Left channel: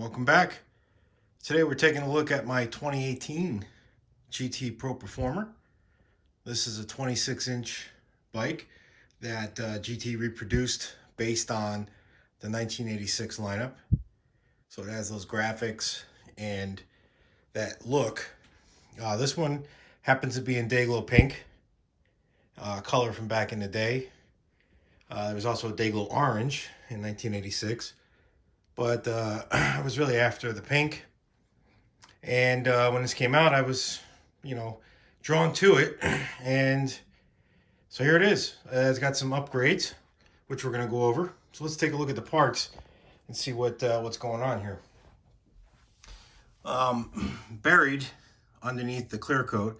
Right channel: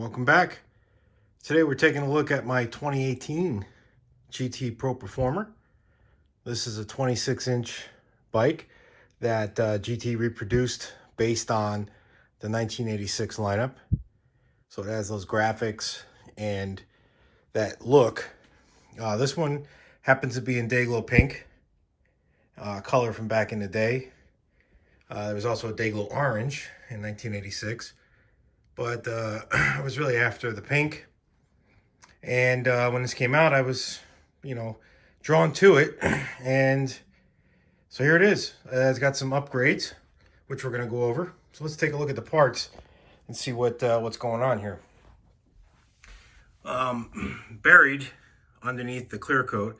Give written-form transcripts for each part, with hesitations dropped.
Welcome back. Today we're taking a look at my 2018 GT Pro Performer. This is a 26-inch bike that GT reproduced based on the 1986 lineup. So it has those graphics and that look. This one happens to be in Dayglow Pink, color from back in the day. There was also a Dayglow Orange in 1986. But I was really after the pink. And when this came out, I was, drawn to it. And so here it is. It's got some upgrades, which we're going to go over. So let's take a look at the parts and see what's going on here. Buried underneath the clear coat,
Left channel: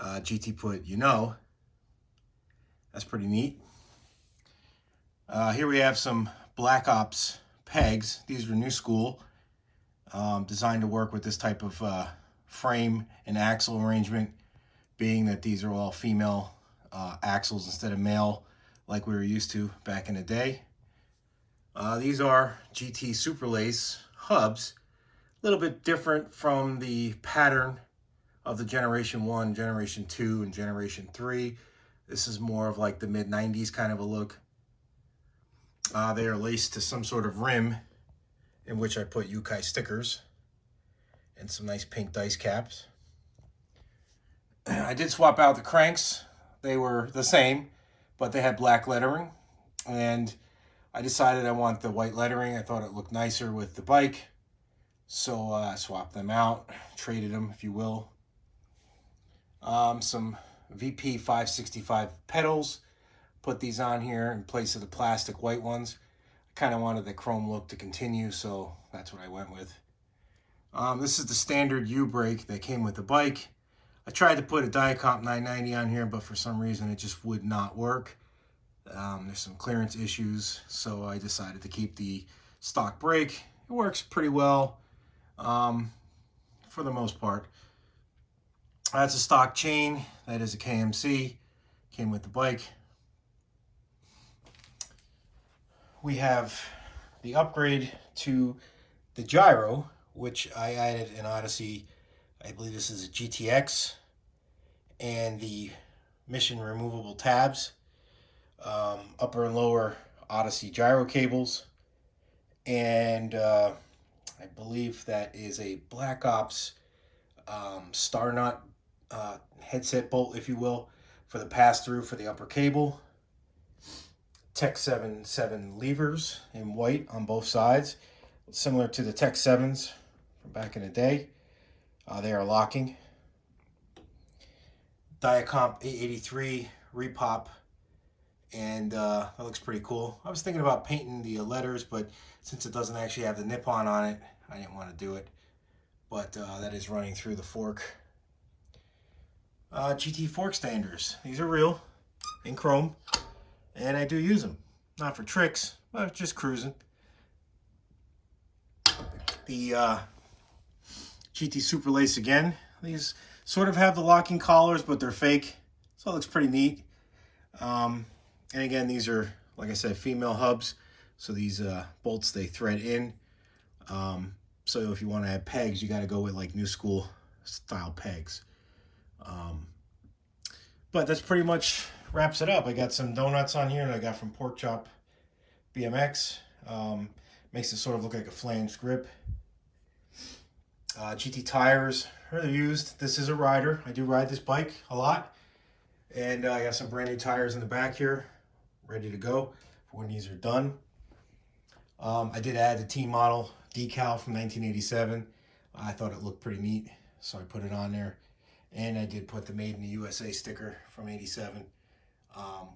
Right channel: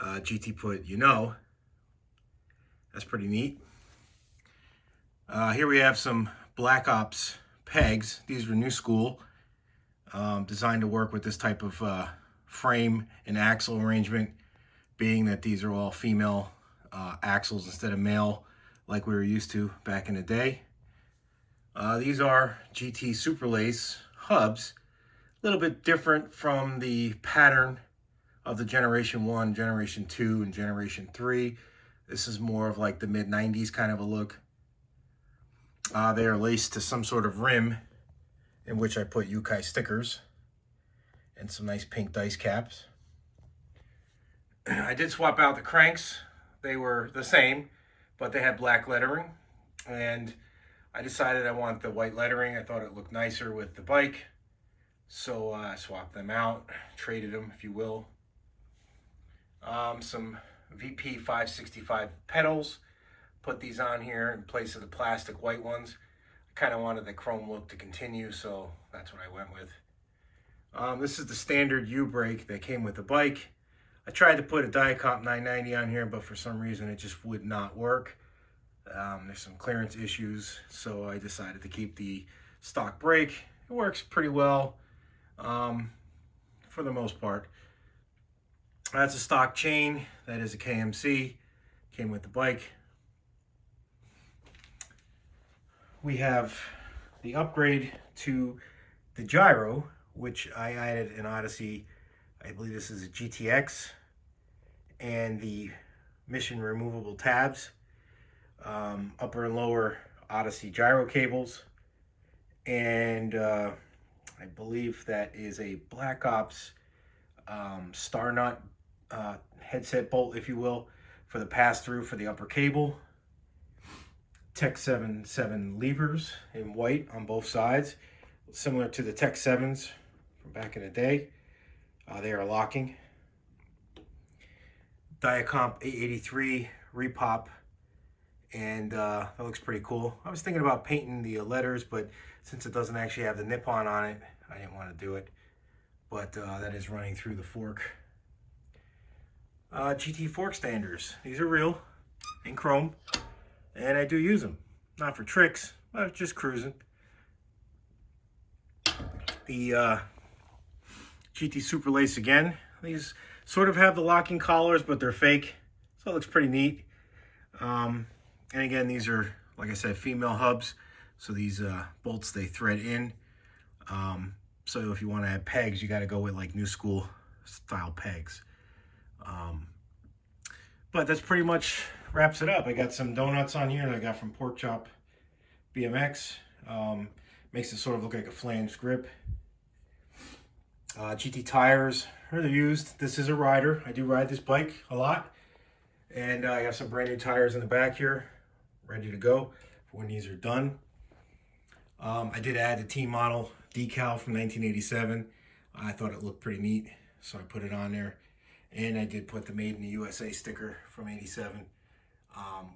GT put, That's pretty neat. Here we have some Black Ops pegs. These were new school, designed to work with this type of frame and axle arrangement, being that these are all female axles instead of male like we were used to back in the day. These are GT Super Lace hubs, a little bit different from the pattern of the Generation 1, Generation 2, and Generation 3. This is more of like the mid-90s kind of a look. They are laced to some sort of rim in which I put Yukai stickers and some nice pink dice caps. I did swap out the cranks. They were the same, but they had black lettering. And I decided I want the white lettering. I thought it looked nicer with the bike. So I swapped them out, traded them, if you will. Some VP 565 pedals. Put these on here in place of the plastic white ones. I kind of wanted the chrome look to continue, so that's what I went with. This is the standard U-brake that came with the bike. I tried to put a Diacomp 990 on here, but for some reason it just would not work. There's some clearance issues, so I decided to keep the stock brake. It works pretty well for the most part. That's a stock chain. That is a KMC. Came with the bike. We have the upgrade to the Gyro, which I added in Odyssey. I believe this is a GTX, and the Mission removable tabs, upper and lower Odyssey gyro cables, and I believe that is a Black Ops star nut headset bolt, if you will, for the pass-through for the upper cable. Tech 7 levers in white on both sides, similar to the Tech 7s from back in the day. They are locking. Diacomp 883 repop, and that looks pretty cool. I was thinking about painting the letters, but since it doesn't actually have the Nippon on it, I didn't want to do it. But that is running through the fork. GT fork standers. These are real in chrome. And I do use them, not for tricks, but just cruising. The GT Super Lace again. These sort of have the locking collars, but they're fake, so it looks pretty neat. And again, these are, like I said, female hubs, so these bolts, they thread in. So if you want to add pegs, you got to go with like new school style pegs. But that's pretty much wraps it up. I got some donuts on here that I got from Pork Chop BMX. Makes it sort of look like a flange grip. GT tires are used. This is a rider. I do ride this bike a lot. And I got some brand new tires in the back here, ready to go for when these are done. I did add the T model decal from 1987. I thought it looked pretty neat, so I put it on there. And I did put the Made in the USA sticker from 87,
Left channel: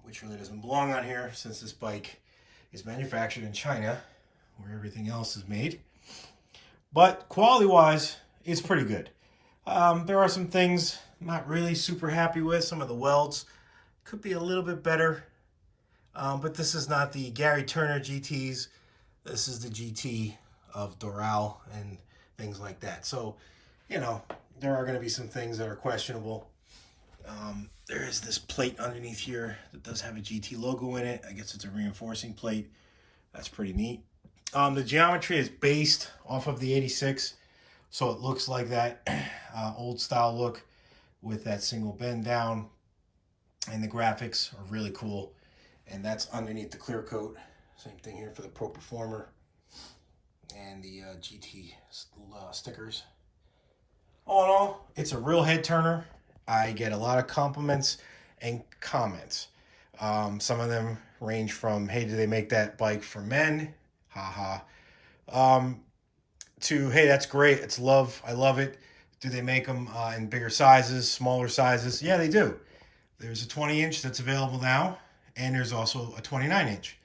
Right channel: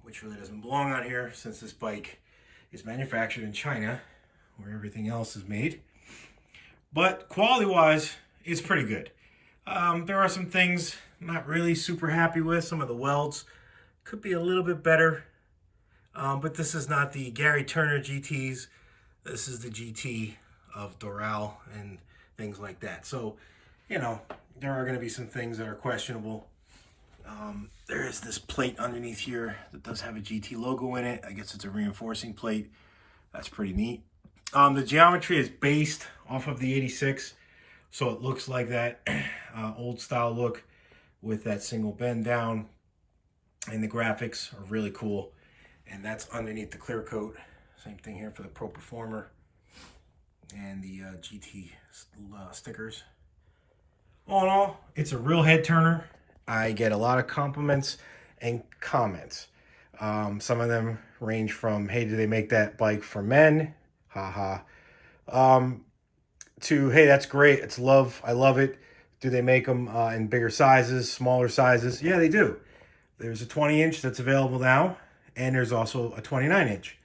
which really doesn't belong on here since this bike is manufactured in China, where everything else is made. But quality-wise, it's pretty good. There are some things I'm not really super happy with. Some of the welds could be a little bit better. But this is not the Gary Turner GTs. This is the GT of Doral and things like that. So, there are going to be some things that are questionable. There is this plate underneath here that does have a GT logo in it. I guess it's a reinforcing plate. That's pretty neat. The geometry is based off of the 86, so it looks like that old style look with that single bend down, and the graphics are really cool. And that's underneath the clear coat. Same thing here for the Pro Performer and the GT stickers. All in all, it's a real head turner. I get a lot of compliments and comments. Some of them range from, hey, do they make that bike for men? Haha. To, hey, that's great. I love it. Do they make them in bigger sizes, smaller sizes? Yeah, they do. There's a 20-inch that's available now, and there's also a 29-inch.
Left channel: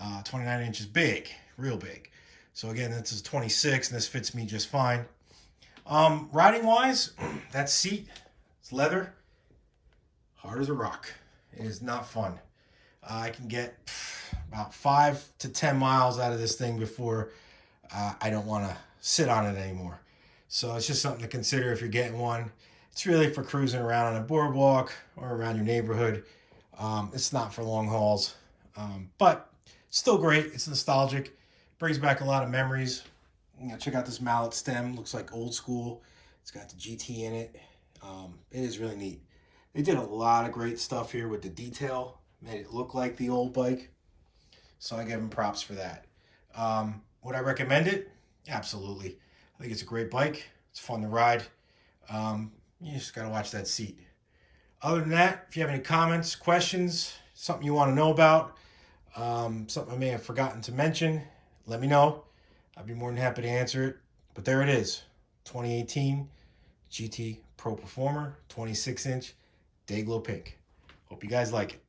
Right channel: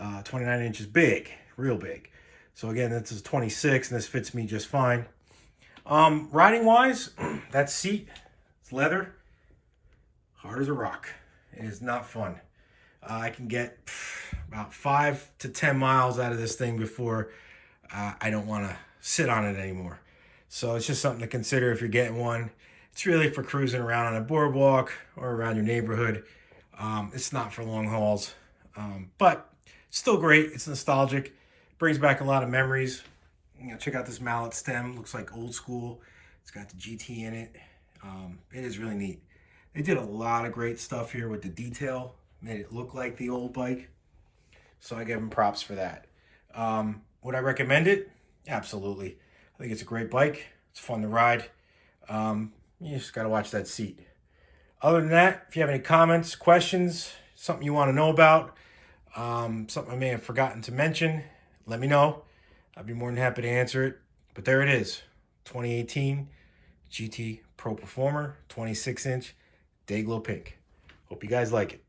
29-inch is big, real big. So again, this is 26, and this fits me just fine. Riding wise, that seat, it's leather, hard as a rock. It is not fun. I can get about 5 to 10 miles out of this thing before I don't want to sit on it anymore. So it's just something to consider if you're getting one. It's really for cruising around on a boardwalk or around your neighborhood. It's not for long hauls, but it's still great. It's nostalgic. Brings back a lot of memories. You know, check out this mallet stem. Looks like old school. It's got the GT in it. It is really neat. They did a lot of great stuff here with the detail. Made it look like the old bike. So I give them props for that. Would I recommend it? Absolutely. I think it's a great bike. It's fun to ride. You just got to watch that seat. Other than that, if you have any comments, questions, something you want to know about, something I may have forgotten to mention, let me know. I'd be more than happy to answer it. But there it is. 2018 GT Pro Performer, 26-inch Dayglow Pink. Hope you guys like it.